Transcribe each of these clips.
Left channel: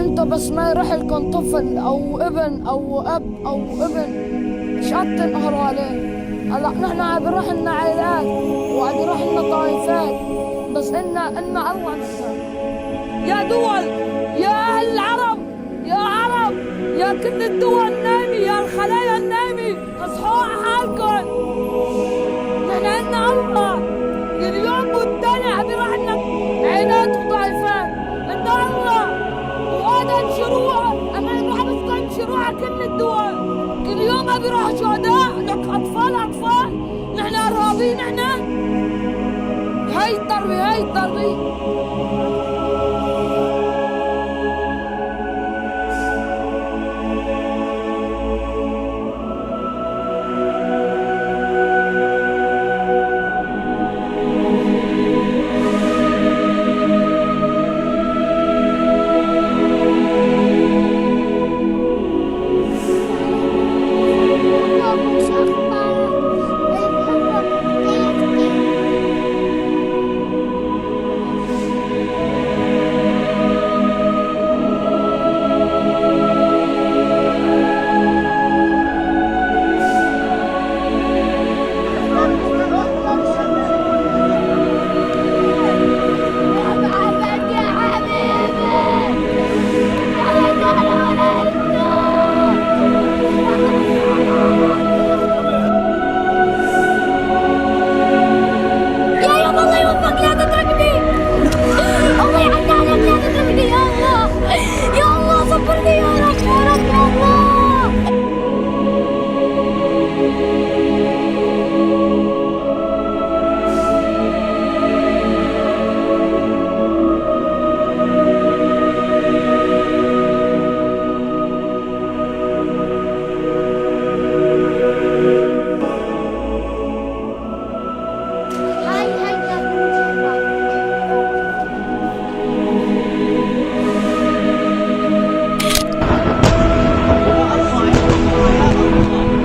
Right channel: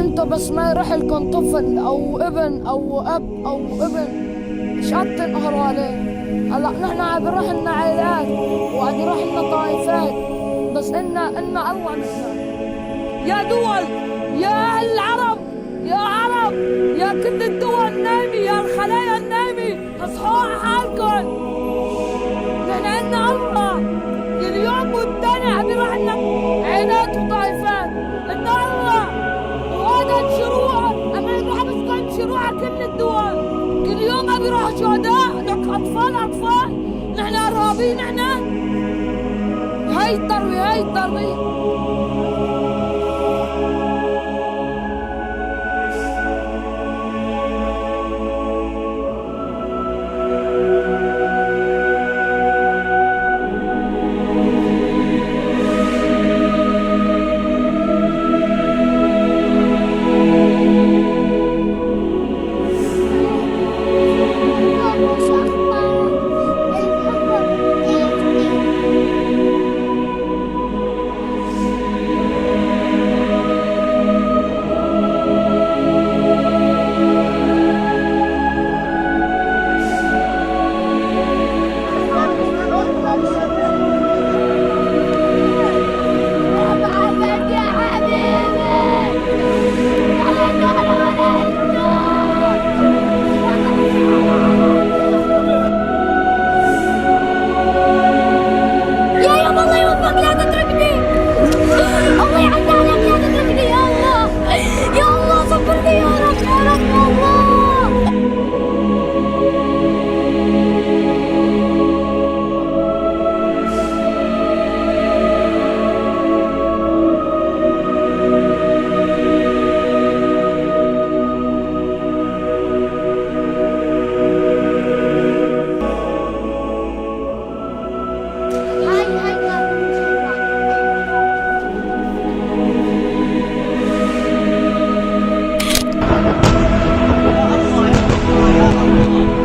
انتوا بس ما يروح لكم طفل او ابن او اب او ابن ايش قد تنقهروا عليه. هلا نحن عم بيروح لنا عائلات وعم بيروح لنا طائفات، بس إنا الله نحن. يا دول، يا أهل العرب، يا عرب، يا كل الدول النايمة، يا الخلايا النايمة، اصحوا على حالكم. نحن عنا الله، كل يوم والتاني عم بيروح لنا عائلات وطائفات. عنا الله وهذا انشروها، اما يروح بس انشروها كل الدول. كل يوم عم بيروحوا شهداء، لك اطفال. نحن ارهابيين نحن. هاي التربية.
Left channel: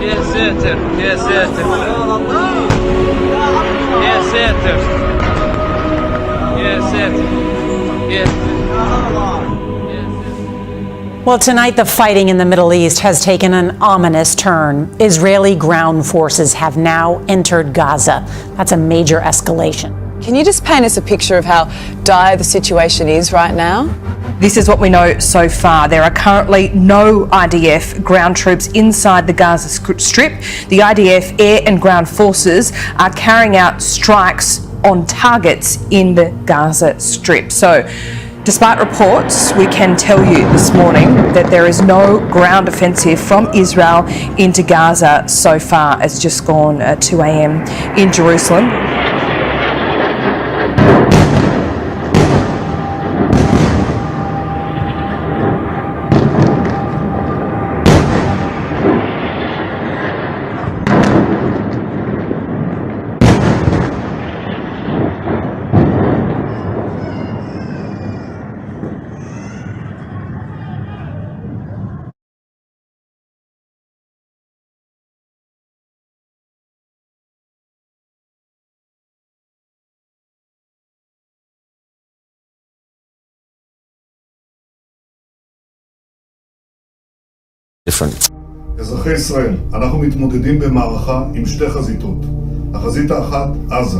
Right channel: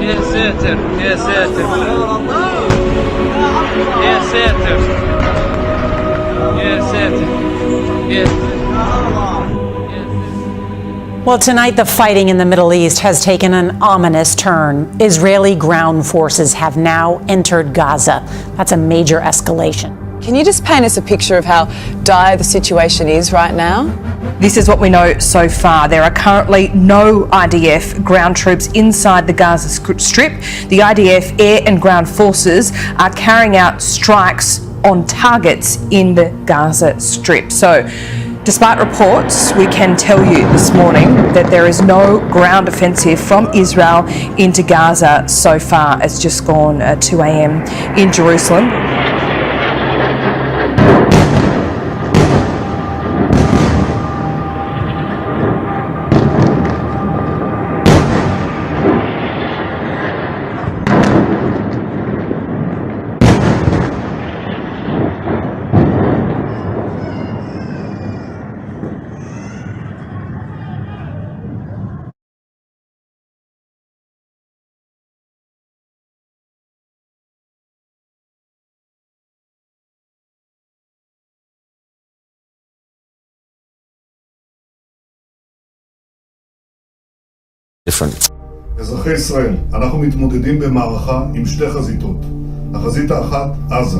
يا ساتر يا ساتر يا ساتر يا ساتر. Well, tonight the fighting in the Middle East has taken an ominous turn. Israeli ground forces have now entered Gaza. That's a major escalation. Can you just paint us a picture of how dire the situation is right now? This is what we know so far. There are currently no IDF ground troops inside the Gaza Strip. The IDF air and ground forces are carrying out strikes on targets in the Gaza Strip. So, despite reports, we can tell you this morning that there is no ground offensive from Israel into Gaza so far. It's just gone 2 a.m. in Jerusalem. אזרחי ישראל, אנחנו מתמודדים במערכה עם שתי חזיתות. החזית האחת, עזה.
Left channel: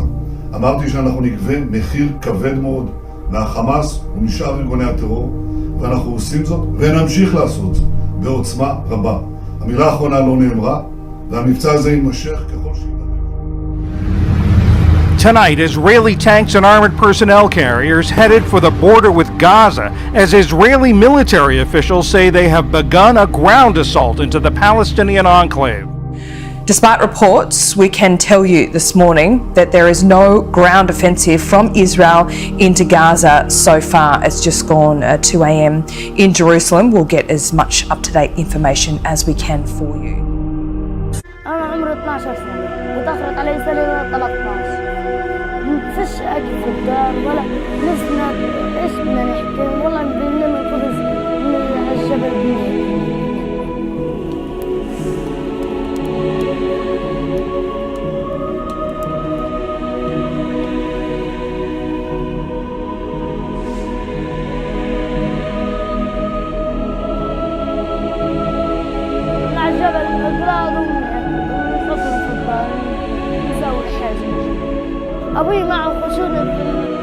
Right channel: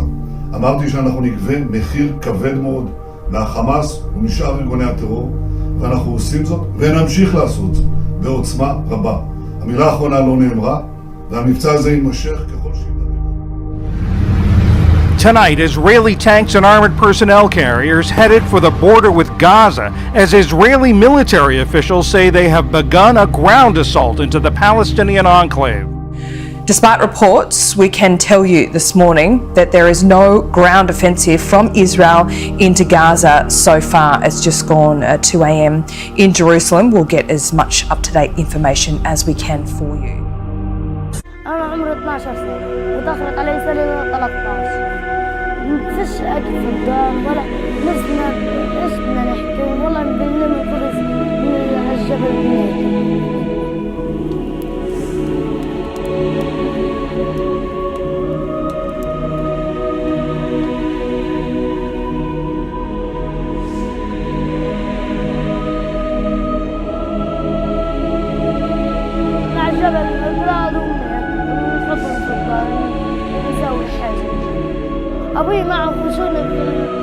אמרתי שאנחנו נגבה מחיר כבד מאוד מהחמאס ומשאר ארגוני הטרור, ואנחנו עושים זאת ונמשיך לעשות זאת בעוצמה רבה. המילה האחרונה לא נאמרה, והמבצע הזה יימשך ככל שידרש. Tonight, Israeli tanks and armored personnel carriers headed for the border with Gaza as Israeli military officials say they have begun a ground assault into the Palestinian enclave. Despite reports, we can tell you this morning that there is no ground offensive from Israel into Gaza so far. It's just gone 2 a.m. in Jerusalem. We'll get as much up-to-date information as we can for you. أنا عمري 12 سنة وتأخرت علي سنة 13. فيش أكل في الدار ولا نفسنا إيش بدنا نحكي والله بنلم الخبز من هالجبل بناكل. على الجبل بلاد أمي ونحطهم في الدار نسوي حاجة نجيب أبوي معه خشونة في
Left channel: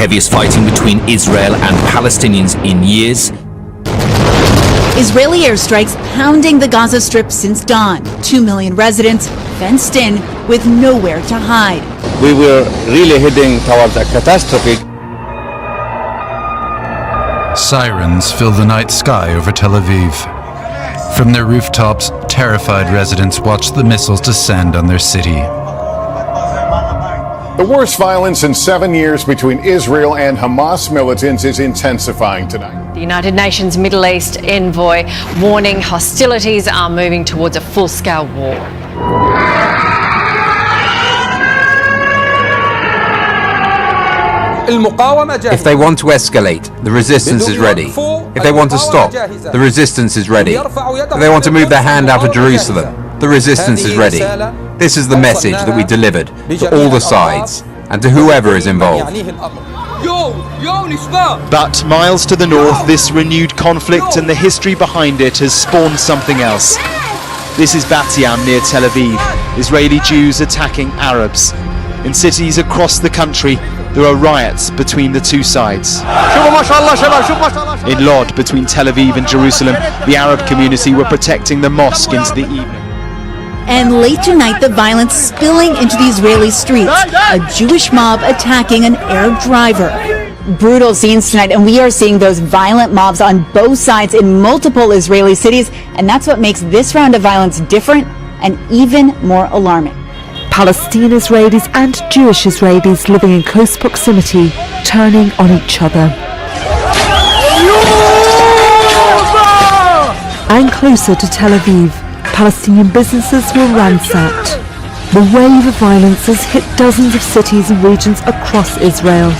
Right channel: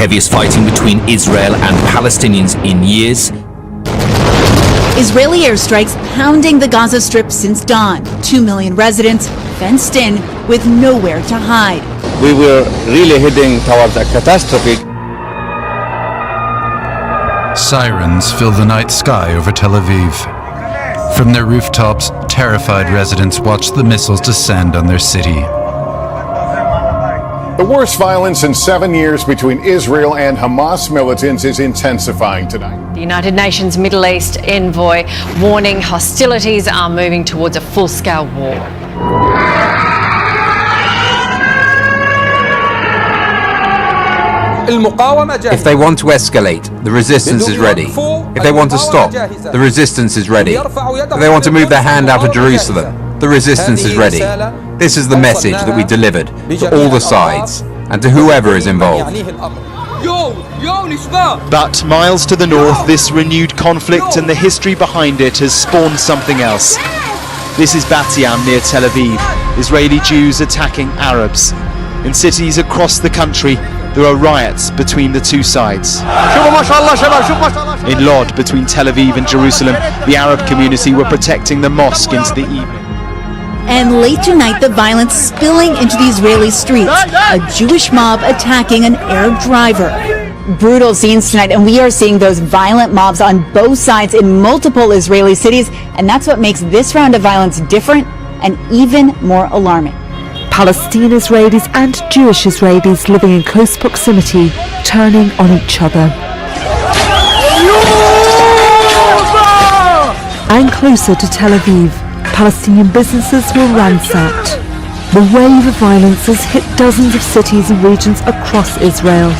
Heaviest fighting between Israel and Palestinians in years. Israeli airstrikes pounding the Gaza Strip since dawn. 2 million residents fenced in with nowhere to hide. We were really heading towards a catastrophe. Sirens fill the night sky over Tel Aviv. From their rooftops, terrified residents watch the missiles descend on their city. The worst violence in 7 years between Israel and Hamas militants is intensifying tonight. The United Nations Middle East envoy warning hostilities are moving towards a full-scale war. If they want to escalate, the resistance is ready. If they want to stop, the resistance is ready. If they want to move their hand out of Jerusalem, the resistance is ready. This is the message that we delivered to all the sides and to whoever is involved. But miles to the north, this renewed conflict and the history behind it has spawned something else. This is Bat Yam near Tel Aviv. Israeli Jews attacking Arabs. In cities across the country, there are riots between the two sides. In Lod, between Tel Aviv and Jerusalem, the Arab community were protecting the mosque into the evening. And late tonight, the violence spilling into the Israeli streets. A Jewish mob attacking an Arab driver. Brutal scenes tonight, and we are seeing those violent mobs on both sides in multiple Israeli cities, and that's what makes this round of violence different and even more alarming. Palestinian Israelis and Jewish Israelis living in close proximity, turning on each other. And closer to Tel Aviv, Palestinian businesses were ransacked. The wave of violence has hit dozens of cities and regions across Israel.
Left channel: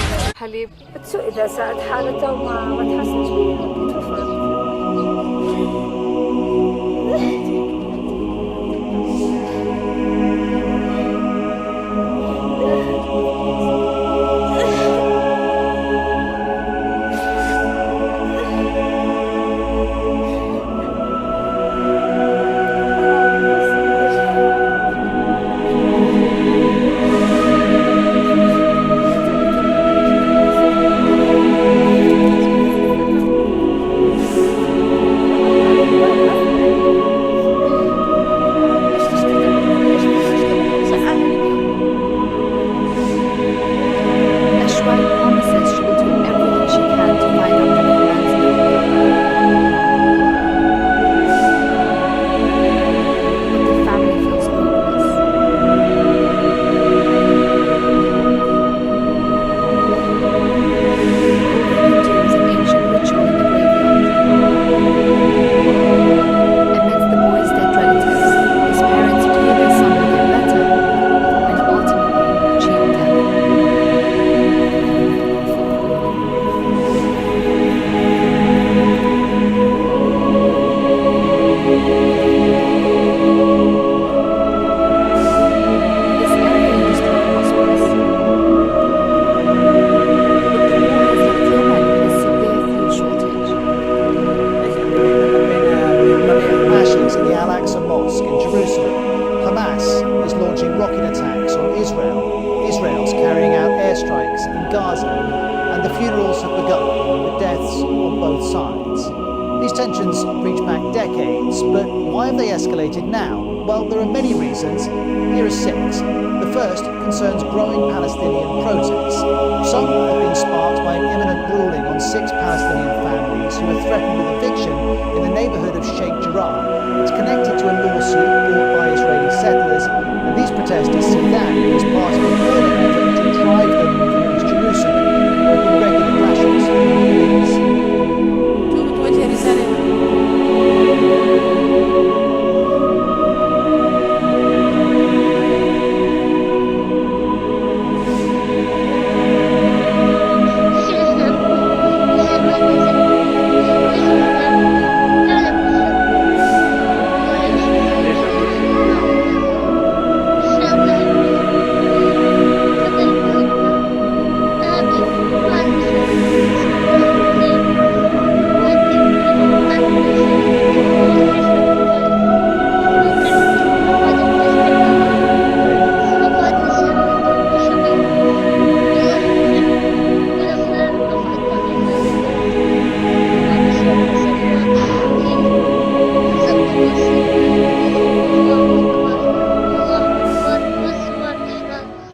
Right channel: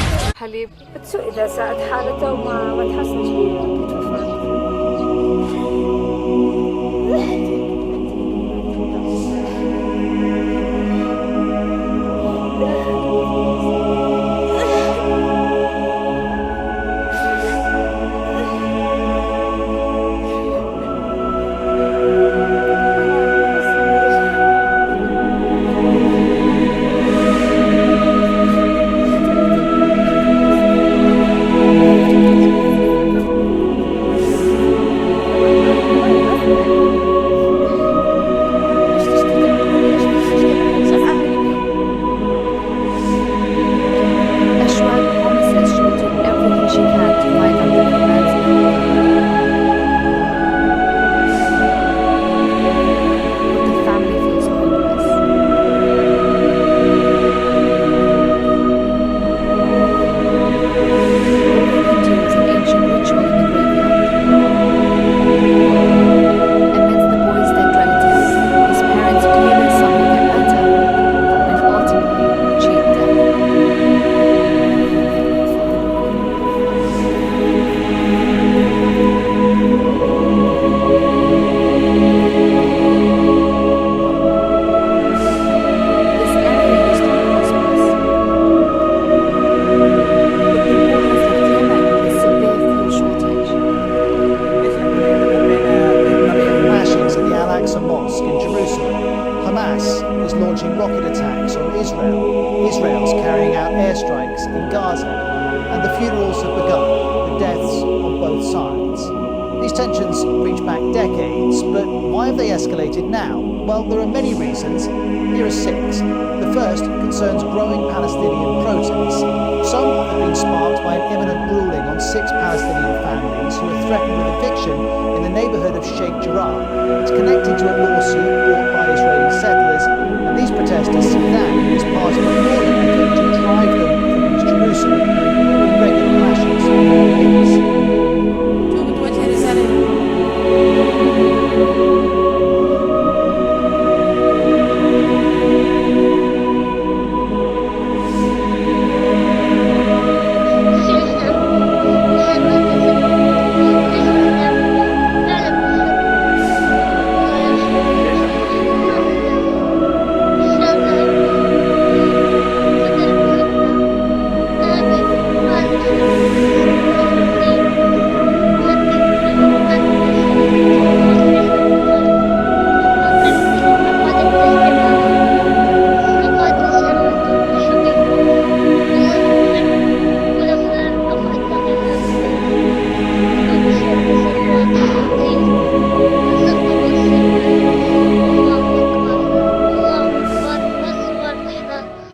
Jerusalem. Hamas is launching rocket attacks on Israel. Israel's carrying out airstrikes in Gaza. And the funerals have begun, with deaths on both sides. These tensions reach back decades, but why have they escalated now? Well, there are many reasons. Here are 6. The first concerns growing Palestinian protests. Some have been sparked by an imminent ruling on 6 Palestinian families who are threatened with eviction in the neighbourhood of Sheikh Jarrah. It's connected to a lawsuit brought by Israeli settlers, and these protesters see that as part of a broader effort to drive them from East Jerusalem. There have been regular clashes with the police. بتوجه رسالة